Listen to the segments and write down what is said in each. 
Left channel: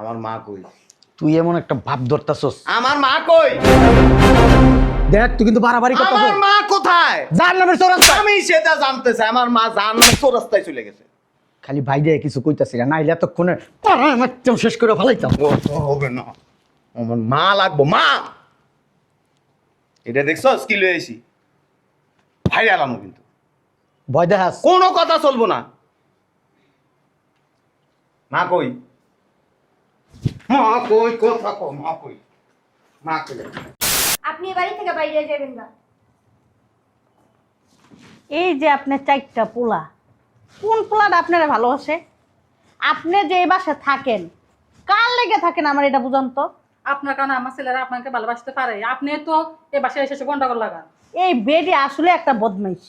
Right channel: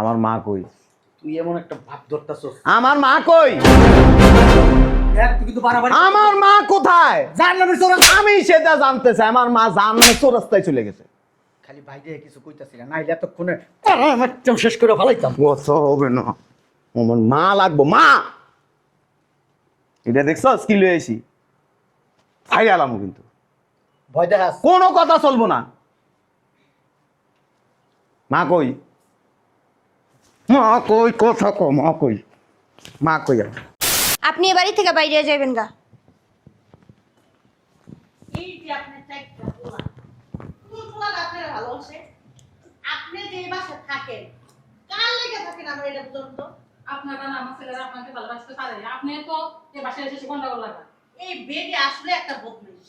আমার মা কই? তুই এমন একটা ভাব ধরতাছস। আমার মা কই? দেখ তুই কিন্তু বাড়াবাড়ি করতাছস। আমার মা কোথায়? জাহান্নামের চোরাস্তা। আমি সেটা জানতে চাই। আমার মা জাহান্নামের চোরাস্তায় চলে গেছে। খালি ভাই দিয়ে কিছু কইতাছি না, নাইলে এতক্ষণে একদম শেষ করে ফেলাইতাম। বছর হবে না, আমার মা লাগবো। মা, এটা দেখছো কি লয়ে এসি? ভাই আলাম কিন্তু ভয় দেখাস। কোনো কথা চলবো না। মা কই? মা কই? কথা কো। মা কই? মা কই? আপনি এ বাড়ি থেকে বাইরে যাবেন গা। এই যে আপনার চারটা পোলা, কোন পোলাটা আপনারা ভালোবাসে? আপনি যে এই বাসায় থাকেন, কার লেগে থাকেন আমার এটা বুঝান তো। আপনার কারণে আমার ছেলেরা আপনাকে ভালোবাসতে পারে, আপনি তো এ বাসায় এসে গন্ডগোল লাগান। এই বেডি আসলে একটা বদমাইশ,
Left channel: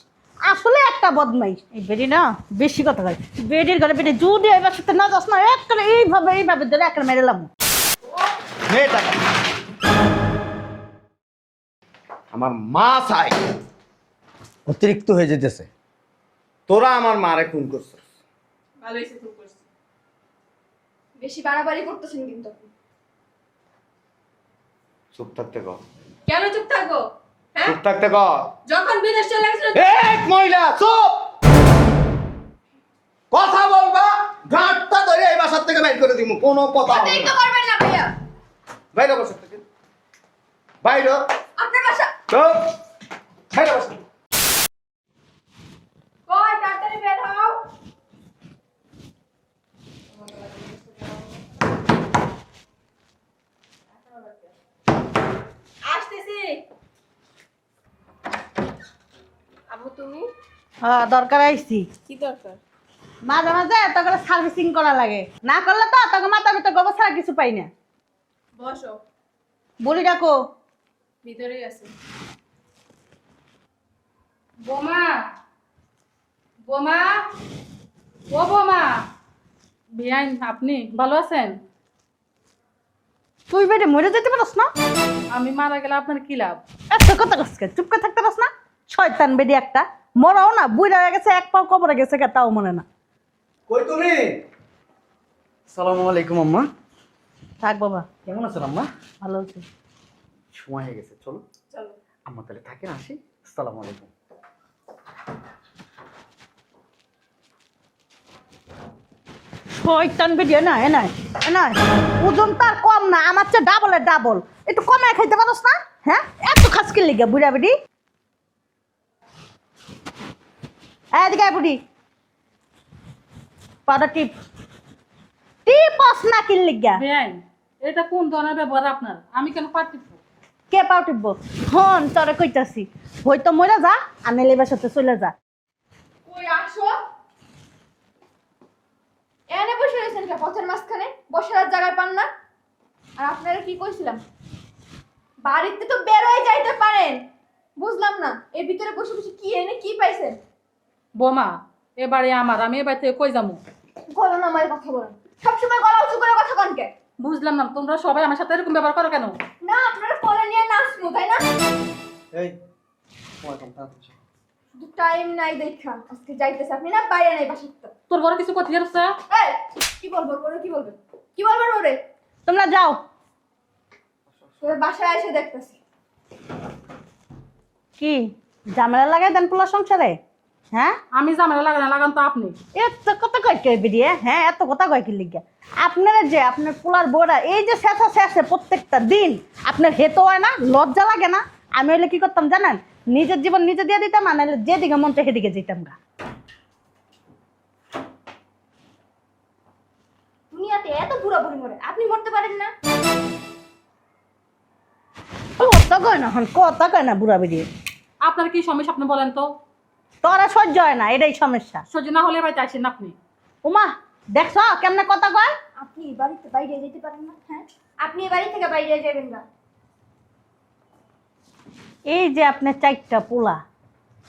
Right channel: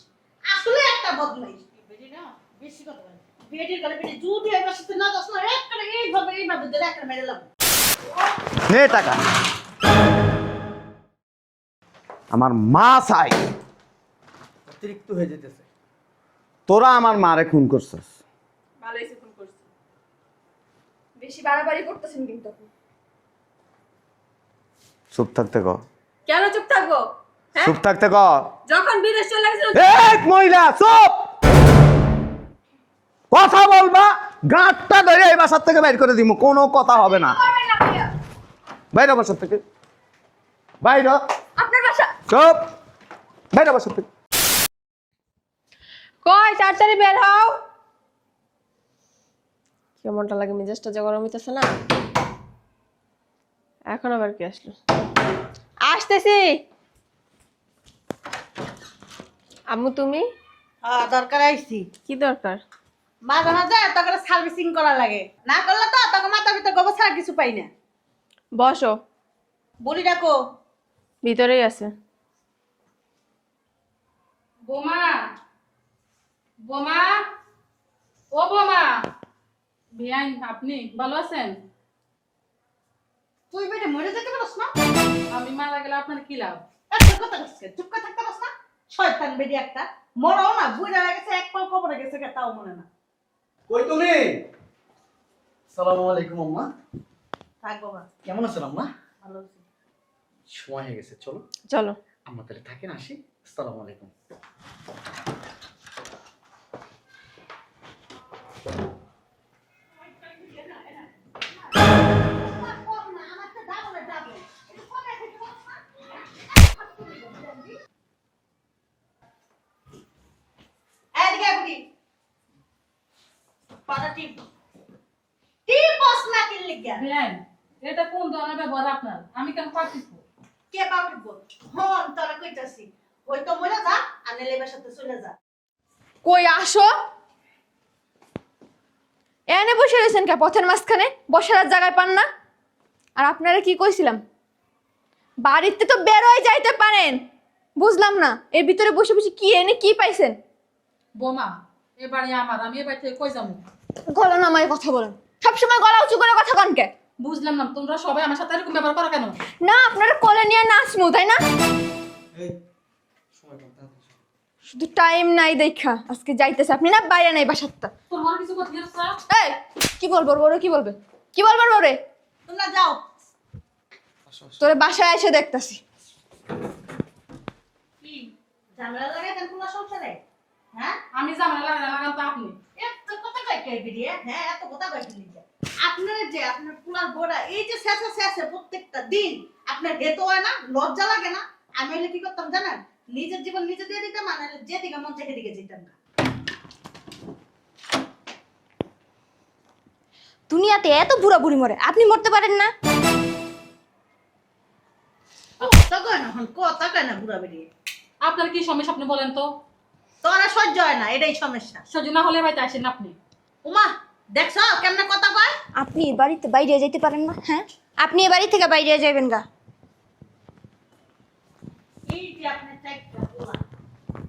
আসলে একটা বদমাইশ। এই বেডি না বেশি কথা কয়। বেডির ঘরে বেডি যদি এই বাসাতে না যাস না, একটা এইভাবে ধরে একটা মেরে লাম। নে টাকা। আমার মা চাই। অতিরিক্ত হয়ে যেতেছে। তোরা আমার মারে খুন করছিস। ভালো হয়েছে ফোন করছি। বেশি বাড়াবাড়ি করতেছেন কিন্তু। চুপ থাকতে ক। কেন চুপ থাকবো? হ্যাঁ, চুপ থাকতে ক। যখন বিদেশ চলে গেছিল এই মহিলা চুপ। কথা বলবা, গাঁটটা ধরে এই বাসার থেকে বাইর করে দিমু। কোনো কথা হবে না। পারবেন না ভাইয়া। বাইরে বাসার থেকে বাইরে। আপনার বাসা। চুপ। বাইরে বাসার থেকে। কই তাড়াতাড়ি বের হও। কেমনটা লাগে, মেজাজটা যে গরম হইতেছে না। এখন আবার কি আসলো? আসতেছি। আম্মু তুমি? হ্যাঁ, দরকার আইছি। কি দরকার? মাঝে মাঝে এত করে সার্ভিসিং করা লাগে, না করলে তো তোকে মাথা ভিতরে গোবর ছাড়া কিছু পাই না। বসো। বলি ডাকো। ভিতরেই আছে। বোমা, বোমা, ও বোমা। বিয়ান, আপনি ভালো আছেন? তুই বেডে মরে যেতে পারস না? আমি মারা গেলে আপনার কি লাভ? এত কথা কসকে চুপ করে থাকতে পারস না? শয়তান বেডি একটা। মরাও না, বুইড়া হয়ে গেছে, এক পাও কবরে গেছে, তাও মনে না। কই তুমি? আসসালামু আলাইকুম আম্মা। থাক বাবা, কেমন আছো আম্মা? ভালো আছি। সময় হয়ে গেছে, চলো। চলো। আম্মা তাহলে থাকেন, আসি। আসসালামু আলাইকুম। শয়তান বেডি না, ওজন তার কম না, আমার চেয়ে ডাবলের ডাবল। একটু কমায় খাইতে পারস না? হ্যাঁ, এত খাসকির লিগা বুড়া বেডি। এদিকে আয় বুড়ি, পাটা টিপ টিপস না কিল লিগা। বিয়ান, এটা কোন ধরনের ব্যবহার আপনার? আমি কেন পারতেছি? কে পাও টিপবো? হন তোরে কইতাছি, হয়তো মরে যা আর নেলেবার সাথে চলে যা। কই আসো। এনে বসে রয়েছেন কে পথের মাঝখানে? বসার আর জায়গায় পান না? আর আপনারা কি কইছিলাম, বাড়িতে তো বের হয়ে যাইতে পারেন। বুঝলাম না এর ভিতরে বসে বসে কি এনে কি পাইছেন। বোমা, এবারে আমার, আমি এবার থেকে কই যাবো? গলা নামায় কথা বলেন, সবসময় গলা উঁচু করে কথা কন কে? বুঝলাম না, তোমরা সবাই আমার সাথে এরকম ব্যবহার করো কেন? না আপনারা কোলে নিয়ে নাচমু তাই না? এই সময় কম, তাড়াতাড়ি চলো। শুধু টাইম নাই দেখা আজকে যাইতেছে, আপনি না বাইরে নাই বাসারটা। তোর বড় কিছু কথা গেছে? এই কি বলবো বড়, কি বলবেন, কি বলবেন বড়ে? তোমরা যাও। তোরে বাসায় এসে দেখতাছি। কি ঝামেলা লাগাই দেন পোলা সংসারে? হ্যাঁ, আমি ঝামেলা লাগান তো আপনি। এত কথা কয় কে বেরিয়ে? হ্যাঁ, এত কথা কয় কি লিগা? আপনারা যে আপনার পোলার বউরা এই যে শেষে প্রত্যেকটা দিন আপনার হেতো হয় না, লজ্জা লাগে না? আমি হইলে কি করতাম জানেন? নিজের জীবন নিজে দিয়ে দিতাম, আর নাহলে যেদিকে মন চায় সেদিকে যেতাম গা। দুনিয়াতে এত বুড়া বুড়ি মরে, আপনি মরতে পারেন না? কথা কয় না, হন কথা কয় না বুড়া বেরিয়ে। আপনার কি সমস্যা আপনি বলেন তো? তোরা সহ্য হয় না, এটাই সমস্যা। সহ্য না হলে বাড়িতে আসেন আপনি। উমা দেখছ কেমনে কথা কয়? আপনি এ বাড়িতে বাইরে যাইতে পারেন না? হ্যাঁ, আপনি এ বাড়ি থেকে বাইরে যাবেন গা। এই যে আপনার চারটা পোলা,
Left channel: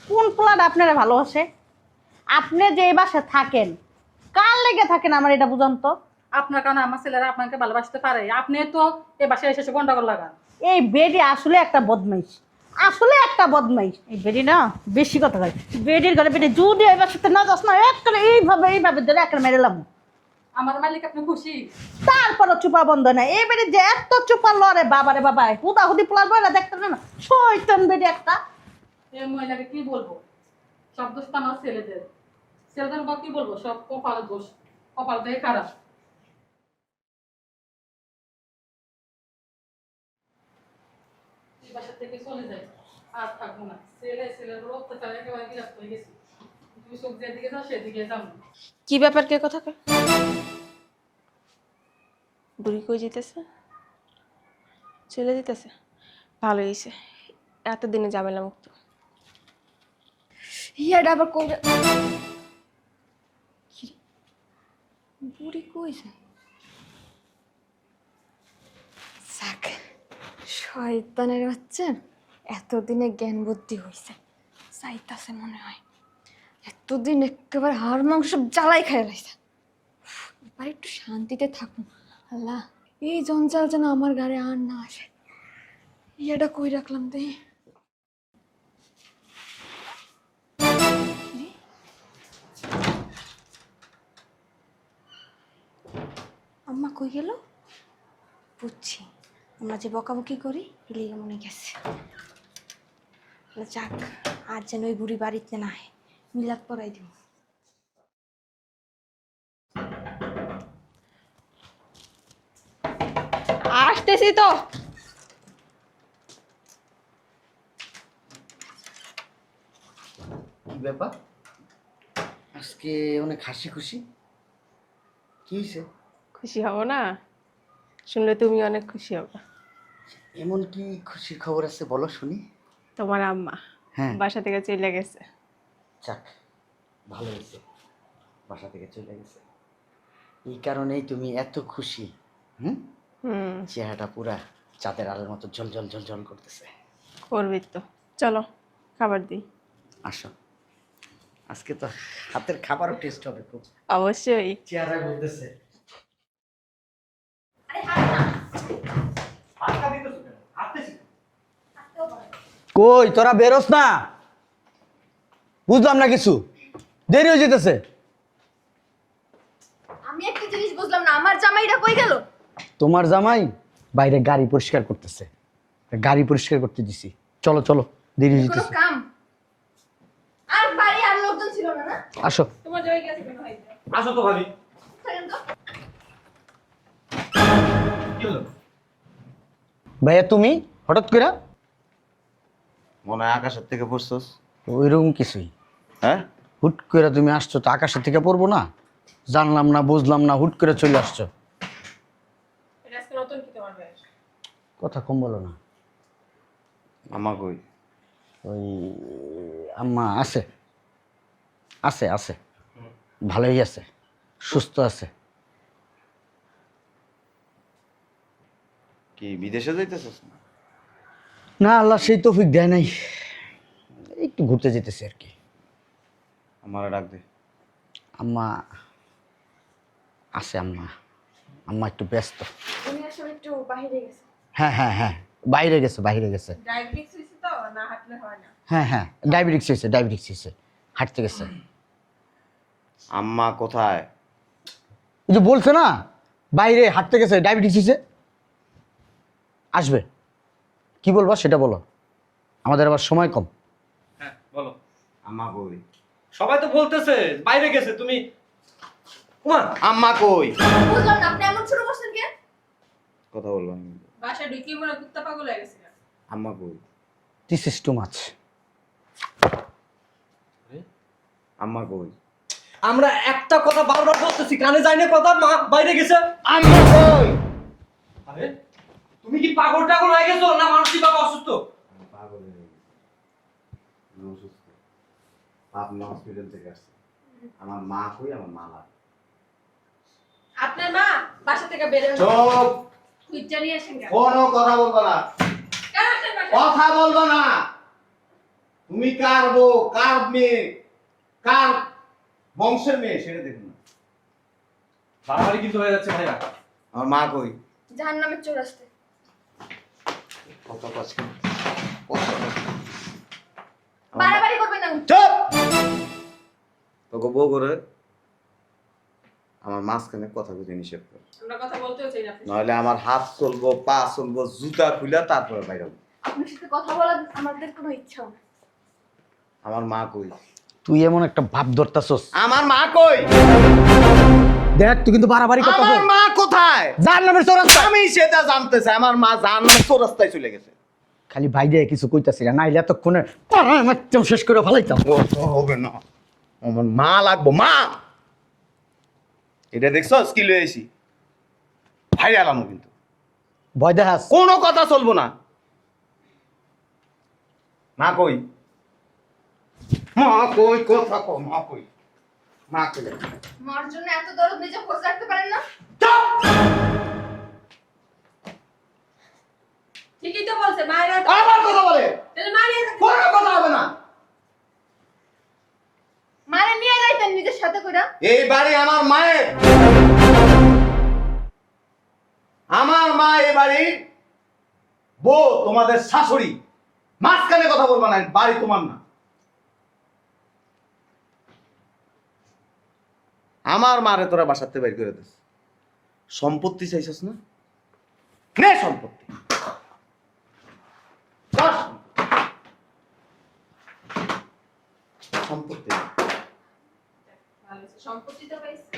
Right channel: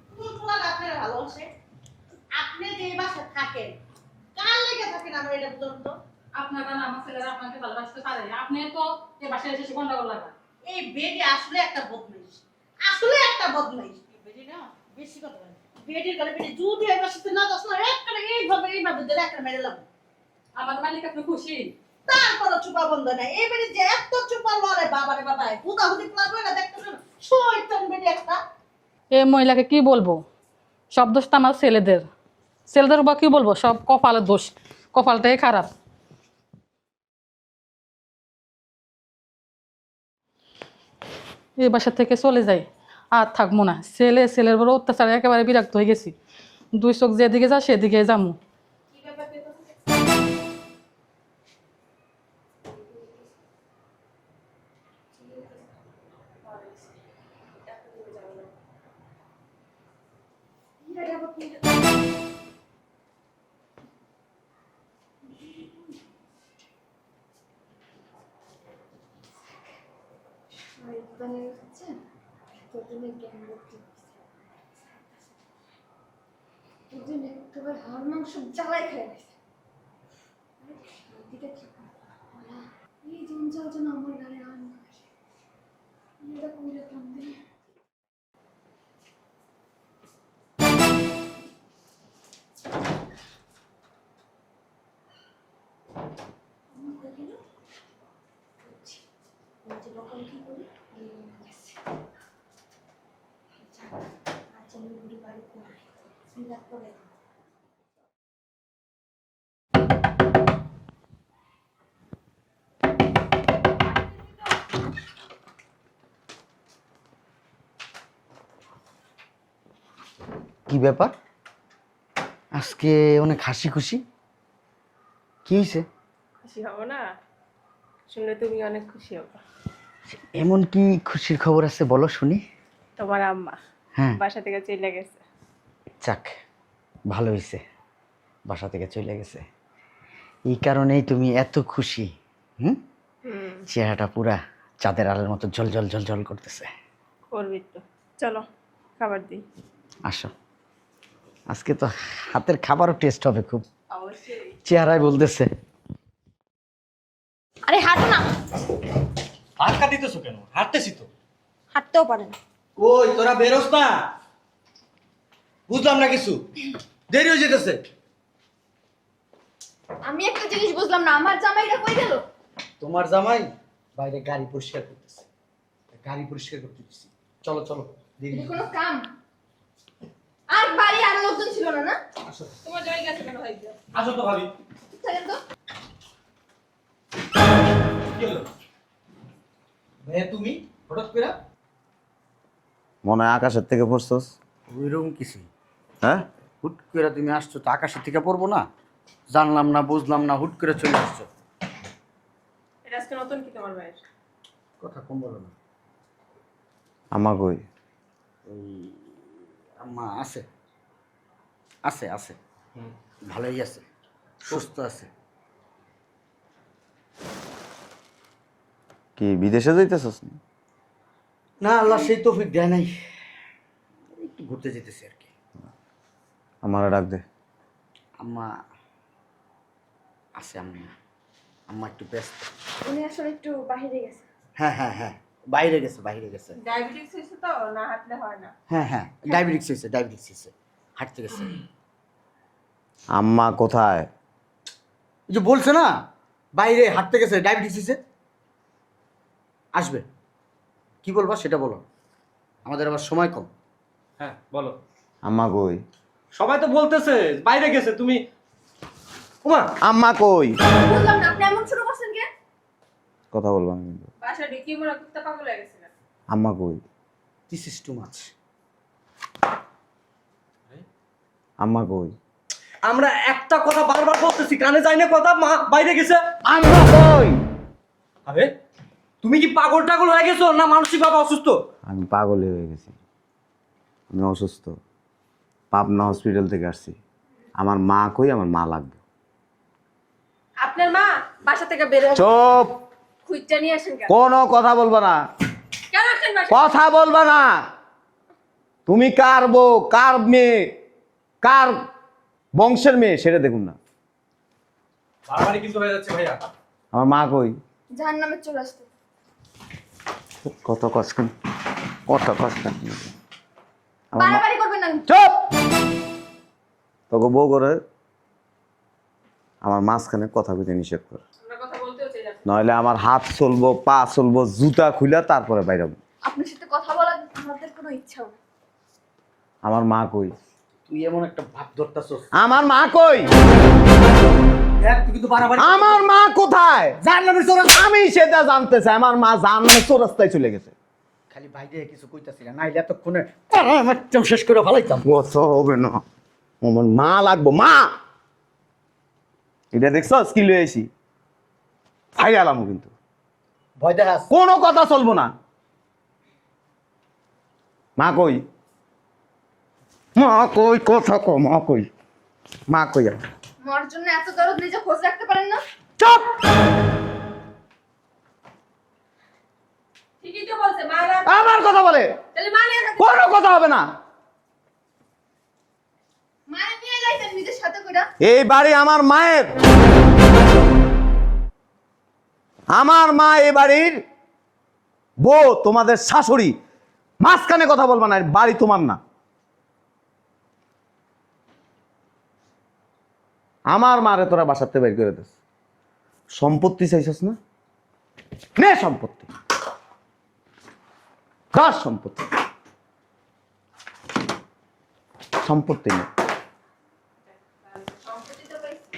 কোন পোলাটা আপনারা ভালোবাসে? আপনি যে এই বাসায় থাকেন, কার লেগে থাকেন আমার এটা বুঝান তো। আপনার কারণে আমার ছেলেরা আপনাকে ভালোবাসতে পারে, আপনি তো এ বাসায় এসে গন্ডগোল লাগান। এই বেডি আসলে একটা বদমাইশ, আসলে একটা বদমাইশ। এই বেডি না বেশি কথা কয়। বেডির ঘরে বেডি যদি এই বাসাতে না যাস না, একটা এইভাবে ধরে একটা মেরে লাম। আমার মালিক আপনি খুশি? তারপরে চুপা বন্ধ নাই এবারে যে এত চুপা লড়ে বাবারে বাবায় হুদাহুদি পোলার বইরা দেখতে না শয়তান বেডে একটা। এই মহিলাকে কি বলবো, সব দোষ তো আমার ছেলেদের। ছেলেদের বা কি বলবো, সব কপালের দোষ, কপালটাই খারাপ। এই বাসা থেকে চলে যাই, আর থাকবো না। ছেলের বড় অত্যাচার একেবারে বিরক্ত হয়ে গেছি। দুই চোখ যেদিকে যা সেদিকে যাবো। কি ব্যাপার, কে কথা কয়? বুড়ি কই যেতেছে? চলে যেতেছে, ভালো হয়েছে, এতদিনে ঝামেলা মুক্ত। ইয়াটা আবার কই বুড়ি কইছে? যাক, শয়তানের বাচ্চা এতদিনে জ্ঞান বুদ্ধি হয়েছে, চাইতাছে মনে হয়। এতদিন একেবারে হাড় মাংস সব জ্বালাই খাই লাইছে। এবার একটু শান্তিতে থাকুন। আল্লাহ, এই জঞ্জাল যেন আমার ঘরে আর না আসে। ইয়েটা কই রাখলাম তাই? আম্মা কই গেল? বুঝছি, আমরা যে বকাবকি করি এলিয়ে মনে গেছে। যাক, আর যেন ওই বুড়ি বাড়িতে না হয়, মিলাদ পড়াই দিব। আসতেছি তো। কি ব্যাপার আজকে অনেক হাসি খুশি? কি হয়েছে? খুশি হব না? শুনলে তুমি অনেক খুশি হবে। এমন কি খুশির খবর আছে বলো শুনি। তোমার আম্মা হ্যাঁ, বাসা থেকে চলে গেছে। যাক ভালো হয়েছে, বাসা থেকে চলে গেছে। এই কারণেই তুমি এত খুশি? হুম, চেহারাটা পুরা চাঁদের আলোর মতো ঝলঝল ঝলঝল করতেছে। করবি তো, চলো খাবার দিই। আসো, আজকে তো হাতের খাবারও টেস্ট হবে খুব। অবশ্যই। চেহারায় বলতেছে। আরে হাঁটো না। আটকা দিতেছো কেন? হাঁটতেছি তো। হাঁটতেও পারেন। কই তোরা বেরোস না? বুঝলাম না কিছু, দেরি হয়ে যেতেছে। আমি একটা জিনিস বুঝলাম না, আমার জামাইটা কই গেল? তোমার জামাই বাইরে গাড়ি পরিষ্কার করতেছে, গাড়ি পরিষ্কার করতে দিছি। চলো চলো, দেরি হয়ে কোনো যেতেছে। কাম আর বাড়ি আর লোকজন ছিল না? না আসো। তোমার জামাই গেছে কেন ভাই? আসো তো ভাবি। থাকেন তো। কি হলো? ভাইয়া তুমি হঠাৎ করে? মনে হয় আকাশের থেকে পড়ছস। ওইরকম কিছুই। হ্যাঁ, হুট করে তুমি আসছো তো আকাশের থেকে পড়বো না? জানলাম না বুঝলাম না, হুট করে চলে আসছো। এটা আজকে নতুন কি তোমার ভাইয়ের? কথা কম বলো না। আমা কই? ওই আম্মা আছে আছে আছে, ভালোই আছে, সুস্থ আছে। কি বিদেশে যাইতেছস না? না, আল্লাহ সেই তৌফিক দেয় নাই, একটু ঘুরতে যেতেছি আর কি। আমারে ডাক দে। আম্মা আছে, আম্মা আম্মা একটু ব্যস্ত। উনি আসলে একটু বাইরে গেছে। হ্যাঁ হ্যাঁ হ্যাঁ, বাইরে গেছে বাইরে গেছে। ডায়াবেটিস হয়েছে তো, না হাঁটলে হয় না। হ্যাঁ হ্যাঁ, ডায়াবেটিক্স হয়েছে, হাঁটতে গেছে। আম্মা কোথায়? এই যে বলছো না বাইরে হাঁটতে গেছে, ডায়াবেটিক্স হয়েছে, আসবে। কি বলবো সেটা বলো, আমাদের আবার সময় কম। হ্যাঁ বলো। আম্মা কই? সবাই তো বলতেছে বাইরে গেছে, তুমি ওমা আম্মা কই? বুঝলাম না, আপনি এমন শুরু করছেন কেন? কথা বলবো না কিন্তু। বাসা ঢুকিয়ে পড়া কুত্তা পাগল হয়ে গেছে। আম্মা কই? This is too much. আম্মা কই? আমরা একটা কথা বারবার বলতেছি, কানে যায়নি কথা, মা বাইরে গেছে। আম্মা কই? আরে তুমি কি পাগল টাগল হয়ে গেছো না মানসিকভাবে অসুস্থ? আমি পাগল হয়ে গেছি, আমি অসুস্থ। পাবনা হসপিটাল থেকে আসছি। আমার মা কই? আমার মা লাগবে। আপনার মা বাসা থেকে বের হয়ে চুপ, খুঁজটা নিয়ে আসেন কেন? কোনো কথা বলবো না, কেন আসেন বাসা? কথা বলবো না। তুমি কার বউ, কার মেয়ে, কার বংশের মেয়ে সেটা দেখুন না। বাড়াবাড়ি কিন্তু হয়ে যাচ্ছে ভাইয়া। আমার মা কই? জাহান্নামের চোর আসতে। কত কষ্ট, কত কষ্ট। বাড়াবাড়ি করবেন না। চুপ, তোকে বউ করে আমার মাঝখানে কথা বলতে নিষেধ কর, আমরা কথা বলতেও চাই না। নইলে আমার হাত চলবো, পা চলবো, জুতা খুলে তারপরে বাইরে হবো। আপনার সাথে কথা বলার আমাদের কোনো ইচ্ছাও না। আমার মা কই? তুই এমন একটা ভাব ধরতাছস, আমার মা কই? দেখ তুই কিন্তু বাড়াবাড়ি আমার মা কোথায়? জানলামের চোরাস্তা। আমি সেটা জানতে চাই। আমার মা জানলে চোরাস্তায় চলে গেছে। খালি ভাই দিয়ে কিছু কইতাছি না, নাইলে এতক্ষণে একদম শেষ করে ফেলাইতাম। কথা হবে না, আমার মা লাগবো, মা। এটা দেখছো স্কিল হয়েছি, বাইরে আলাম কিন্তু ভয় দেখাস? কোনো কথা চলবো না। মা কই? মা কই? কথা কো, মা কই? মা কই? মার জন্য এত দরদ নিজে খোঁজ রাখতে পারেন না? চুপ! ঠিকই তো বলছে মায়েরা। আমার কথা বলে, তাহলে মা নিয়ে থাকতে কোনো কথা হবে না। মারে নিয়ে যাইতেন নিজের সাথে কইরা। এই বাড়ি আমার মায়ের, আমার মা এই বাড়ির বউ, তোমাদের শাশুড়ি। মাঝখানে কথা বলবা না, বাড়ি তোমার না। আমার মারে তোরা বাসাতে বের করে দিস। সম্পত্তি চাইছিস না, নে সম্পত্তি। কার সম্পত্তি? সম্পত্তি না। সম্পত্তি তো পাইছে।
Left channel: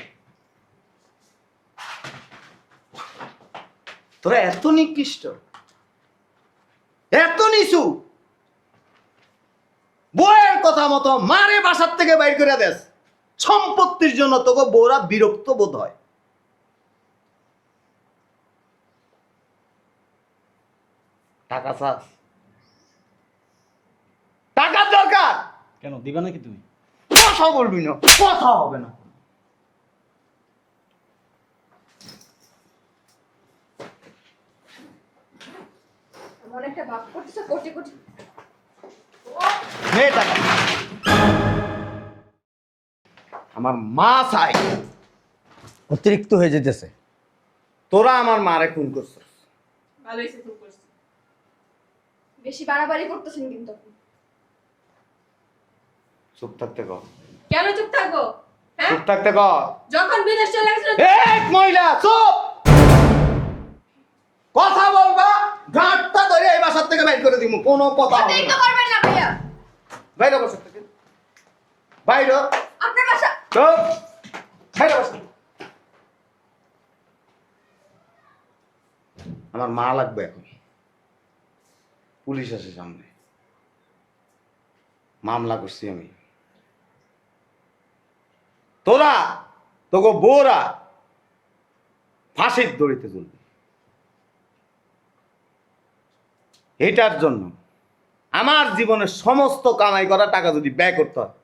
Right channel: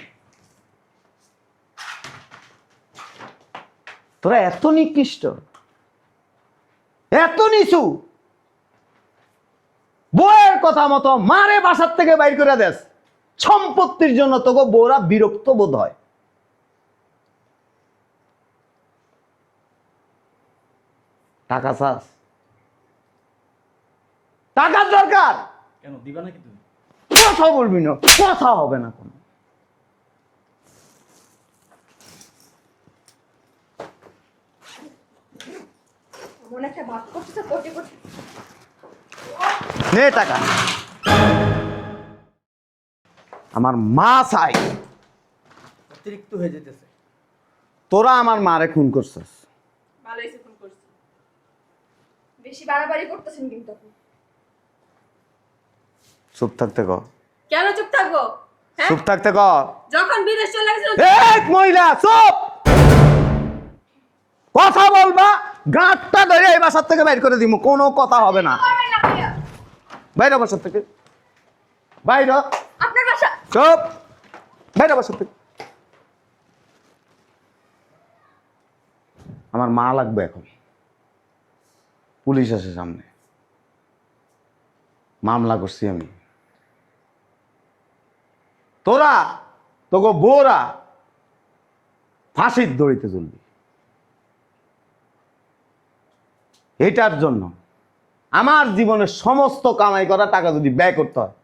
তোরা এত নিকৃষ্ট, এত নিচু, বউয়ের কথা মতো মারে বাসার থেকে বাইর করে দেস। সম্পত্তির জন্য তোকে বউরা বিরক্ত বোধ হয়। টাকা চাস? টাকার দরকার? কেন দিবা নাকি তুমি? কথা বলবি না, কথা হবে না কোনো। এমন একটা ভাব করতেছে কোটি কোটি। নে টাকা। আমার মা চাই। অতিরিক্ত হয়ে যেতেছে। তোরা আমার মারে খুন করছিস। ভালো হয়েছে ফোন করছি। বেশি বাড়াবাড়ি করতেছেন কিন্তু। চুপ থাকতে ক, কেন চুপ থাকবো? হ্যাঁ, চুপ থাকতে ক। যখন বিদেশ চলে গেছিল এক মহিলা চুপ। কথা বলবা, গাঁটটা ধরে এই বাসার থেকে বাইর করে দিব, কোনো কথা হবে না। আপনি তো করবেন না ভাইয়া। বাইরে বাসার থেকে, বাইরে। আপনার বাসা। চুপ, বাইরে বাসার থেকে। আমার মা লাগবে এখন। পুলিশ আছে সামনে, মামলা করছি আমি। তোরা তোকে বউরা ফাঁসির দড়িতে চলবি। এটার জন্য আমার জীবনের সমস্ত কামাই করা টাকা যদি ব্যয় করতে হয়,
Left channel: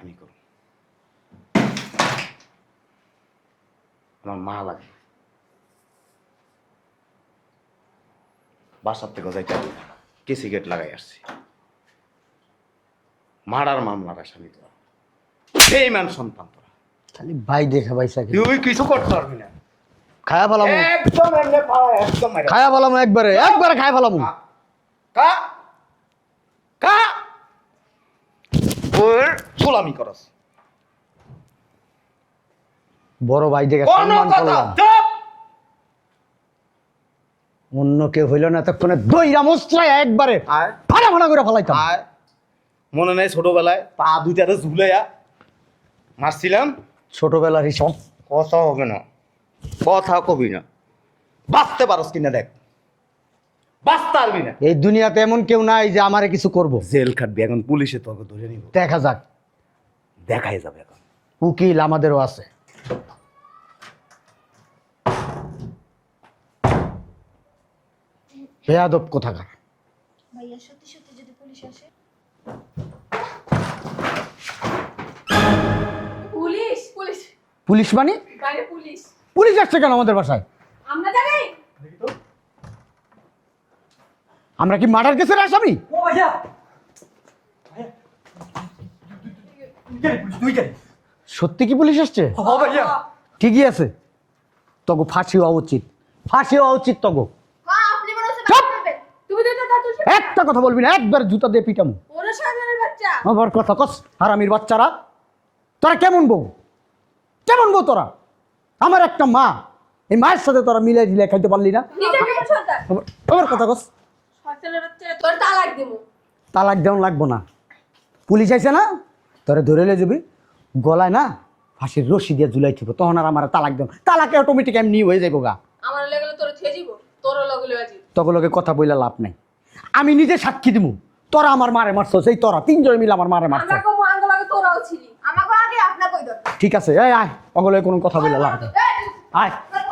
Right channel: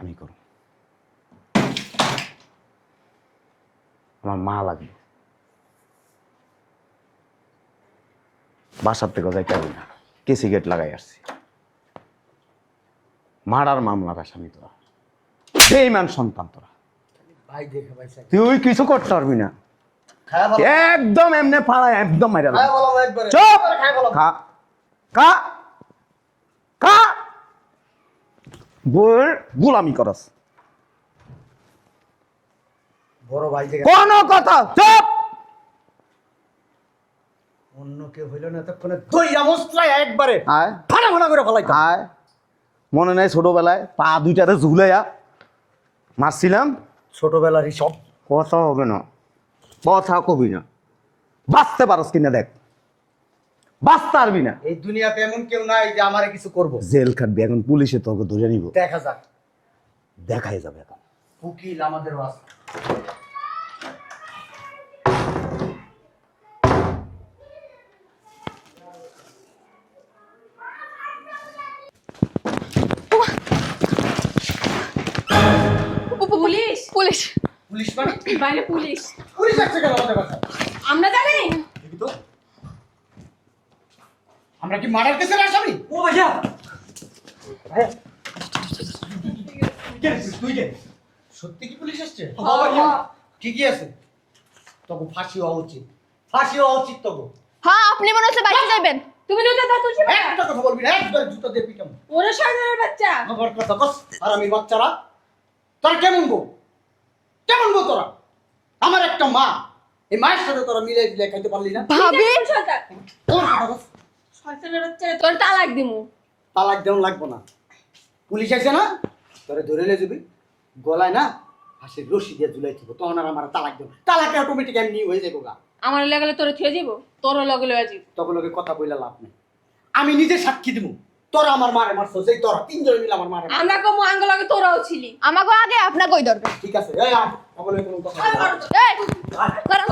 আমি করব। আমার মা লাগবে। বাসার থেকে যাইতে হবে না, কেসি গেট লাগাই আসছি। মারার মামলার আসামি তোরা, বেঈমান সন্তান তোরা। খালি ভাই দেখা ভাইসা তুই কিছু করতে পারবি না। খায়া বলো, একদম এমনি ফাড়ায়, একদম মাইরা খায়া বলো একবারে, চুপ! একবারে খায়া বলো। খা খা খা, বউয়ের জুলামি করস। বড় ভাই দেখে কোন কথা? চুপ! অন্য কেউ হইল না তখন দইরা মস্ত্রায় একবারে আয় ফানা ফানা করে ফেলাইতাম। আয়, মনে নেই ছোটবেলায় পা দুইটাতে ঝুলাইয়া মারছিলাম? ছোটবেলার হিসাব কথা হবে না, কথা কবি না। বাঁচতে পারস কিনা দেখ, বাঁচতে পারবি না। এই দুনিয়াতে এমন কেউ নাই যে আমারে কিছু করব। জেল খাটবি এখন, পুলিশে তোকে ধরে নিব, দেখা যাক, দেখাই যাবে এখন। উকিল আমাদেরও আছে। বেয়াদব কোথাকার। পুলিশ পুলিশ পুলিশ মানে? বাইরে পুলিশ। পুলিশ আসছে কেন আমাদের বাসায়? আমরা জানি। আমরা কি মার্ডার কেসের আসামি? ও ভাইয়া, তুই কে? সত্যি কি পুলিশ আসছে? ও ভাইয়া, ঠিকই আছে, তগো ফাঁসি হওয়া উচিত, ফাঁসি হওয়া উচিত তগো। হ্যাঁ আপনি মনে হচ্ছে বাইরে যাবেন। তুমি তো দাদা তুলছি। একটা কথা বলবি না, একবার জুতা দিয়ে পিটামু। ওরা সাধারণ বাচ্চা। আমার কথা কস, হারামির বাচ্চারা। তোরা কেমন বউ, কেমন বউ তোরা? আমার একটা মা, এই মায়ের সাথে তোরা মিলে মিলে খাইতে পারলি না? ভাবি তোমার কথা কস। তোর তালাক দিমু। তালাক দেওয়ান লাগবো না, পুলিশ আইছে না, তোরা ধরে লয়ে যাবি, গলায় না ফাঁসির রশি দিয়ে ঝুলাই থিব, তখন আর আমার তালাক দেব, তালাকে অটোমেটিক এমনি হয়ে যাবো গা। আমার লেগেলে তোরে থুয়ে দিব, তোর লগে লয়ে যাবি। তখন লোকে কথা বইলা লাভ নাই, আমি নিজে সাক্ষী দিব, তোরা আমার মারে মারছো, সেই তোরা তিনজন মিলে আমার মারে মারছো। আমরা কম আঙ্গ লগে তোরাও ছিলি, আমাকে আগে আপনার কই দরকার। ঠিক আছে, এই আয়, অগলে কোনো কথা বলে লাভ নাই। এই আয়। করো।